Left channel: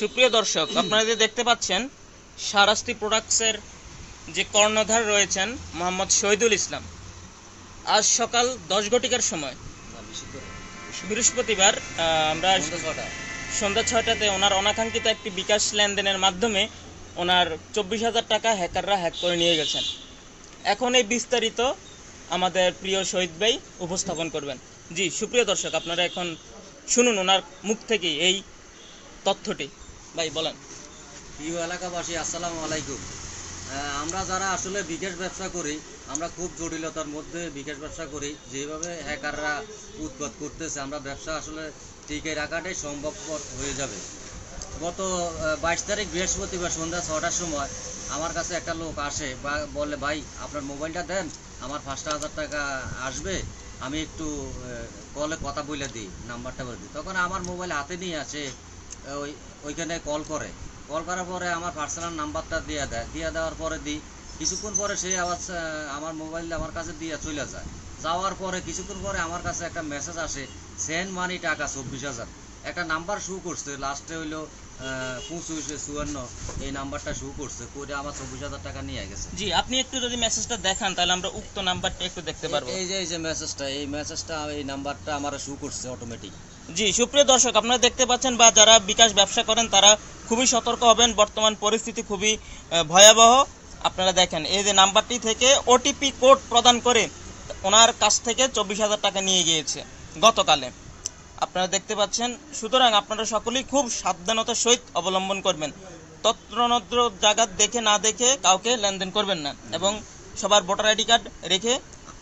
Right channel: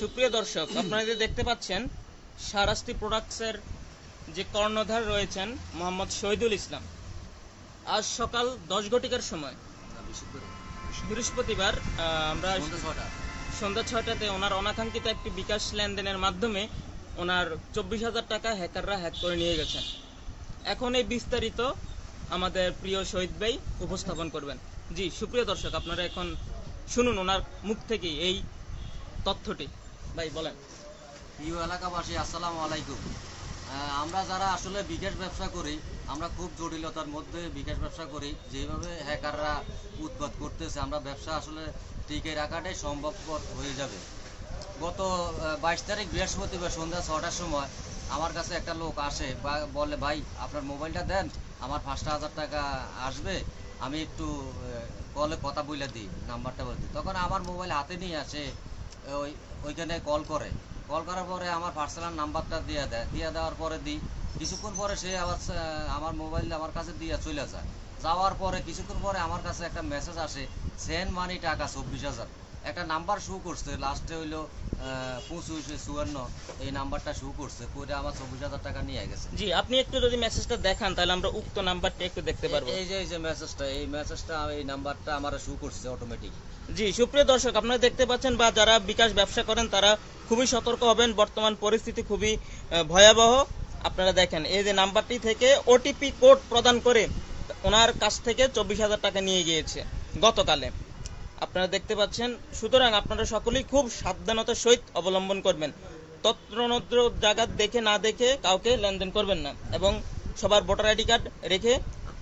সুপ্রিয় দর্শক, আপনারা যে দেখতে পাচ্ছেন শাহরাস্তি প্রোডাক্টসের যে কর্ণধার রয়েছেন মোহাম্মদ শহীদুল ইসলাম, আজ সকাল 10 ঘটিকার সময় বৃহস্পতিবার আমরা সন্ধ্যা 6টাতে ওনার অনাকাঙ্ক্ষিত একটি বিকাশ লেনদেনের মাধ্যমে ওনার 24,000 টাকা হ্যাকাররা হ্যাক করে নিয়ে গেছেন। এখন এই বিস্তারিত আমাদের প্রিয় শহীদ ভাই উপস্থাপন করবেন। জি সুপ্রিয় দর্শক, আপনারা এখন শুনুন ওনার মুখ থেকে এই তথ্যটি। ভাই বলেন। প্রিয় এলাকাবাসী, আসসালামু আলাইকুম। আমরা যারা আসলে বিকাশ ব্যবসা করি, আমরা খুব জটিলতার মধ্যে বিকাশ ব্যবসা করি। যেভাবে হ্যাকাররা উৎপাত করতেছে, আমরা ব্যবসা আসলে টিকে রাখাটাই সম্ভবপর হয়ে যাবে। গত 22 তারিখ বৃহস্পতিবার সন্ধ্যা 6টার সময় আমার কাছে একটা লোক আসে বা বলে, ভাই আপনার মোবাইলটা দেন, আমার 5,000 টাকা আসবে, আমি একটু কলে কথা বলে দিই, নাম্বারটা বলে দিই। তখন আমার মোবাইল হাতে নিয়ে আসে, ওইখানে কল করার পরে আমার পার্সোনাল নাম্বারটা দিয়ে দেওয়ার পরে দিই। কিছুক্ষণ পরে সে আবার আমার মোবাইল আমার কাছে দিয়ে চলে যায়। যাওয়ার পরে কিছুক্ষণ পরে আমার কাছে একটা মেসেজ আসে, সেন্ড মানি টাকা 24,000। একটা নাম্বার শু করছে, লাস্টে হইলো 2554, এই নাম্বারটা শু করছে, করে আমার 24,000 টাকা নিয়ে গেছে। জি, আপনি একটু যদি মেসেজটা দেখান তাহলে আমরা উক্ত নাম্বারটা একটু দেখতে পারবো। এই যে মেসেজটা, এই নাম্বারটা আমার শু করছে অটোমেটিক। জি সুপ্রিয় দর্শক, আপনারা দেখতে পাচ্ছেন বা যারা বিকাশ ব্যবসা করেন তারা খুবই সতর্ক হবেন। বর্তমান পরিস্থিতি খুবই ভয়াবহ। আপনারা দেখেন এই যে নাম্বারটি থেকে ওটিপি কোড প্রদান করে ওনার কাছ থেকে 24,000 টাকা নিয়ে গিয়েছে গতকালে। আপনারা দেখতে পাচ্ছেন। সুতরাং আপনারা সকলেই খুব সাবধানতার সহিত অবলম্বন করবেন। তত্রনত্র জায়গা দেখে না দেখে কাউকে লেনদেন করবেন না, এবং সবার ভোটার আইডি কার্ড রেখে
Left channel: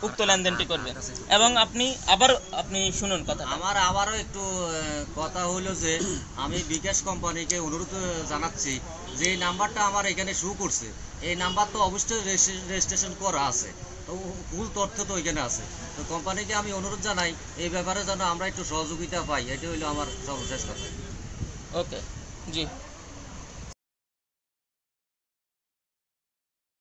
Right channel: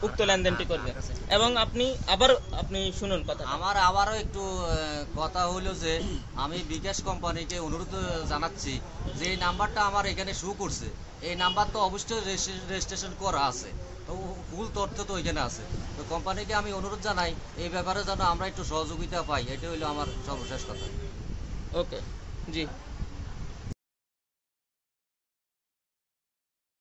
উক্ত লেনদেনটি করবেন। এবং আপনি শুনুন কথা। আমার আবারও একটু কথা হলো যে, আমি বিকাশ কোম্পানিকে অনুরোধ জানাচ্ছি যে এই নাম্বারটা আমার এখানে শো করছে, এই নাম্বার তো অবশ্যই রেজিস্ট্রেশন করা আছে, তো ফুল তথ্য তো ওইখানে আছে। তো কোম্পানিকে আমি অনুরোধ জানাই এই ব্যাপারে যেন আমরা একটু সহযোগিতা পাই। এটা হইলো আমার সর্বশেষ কথা। ওকে, জি।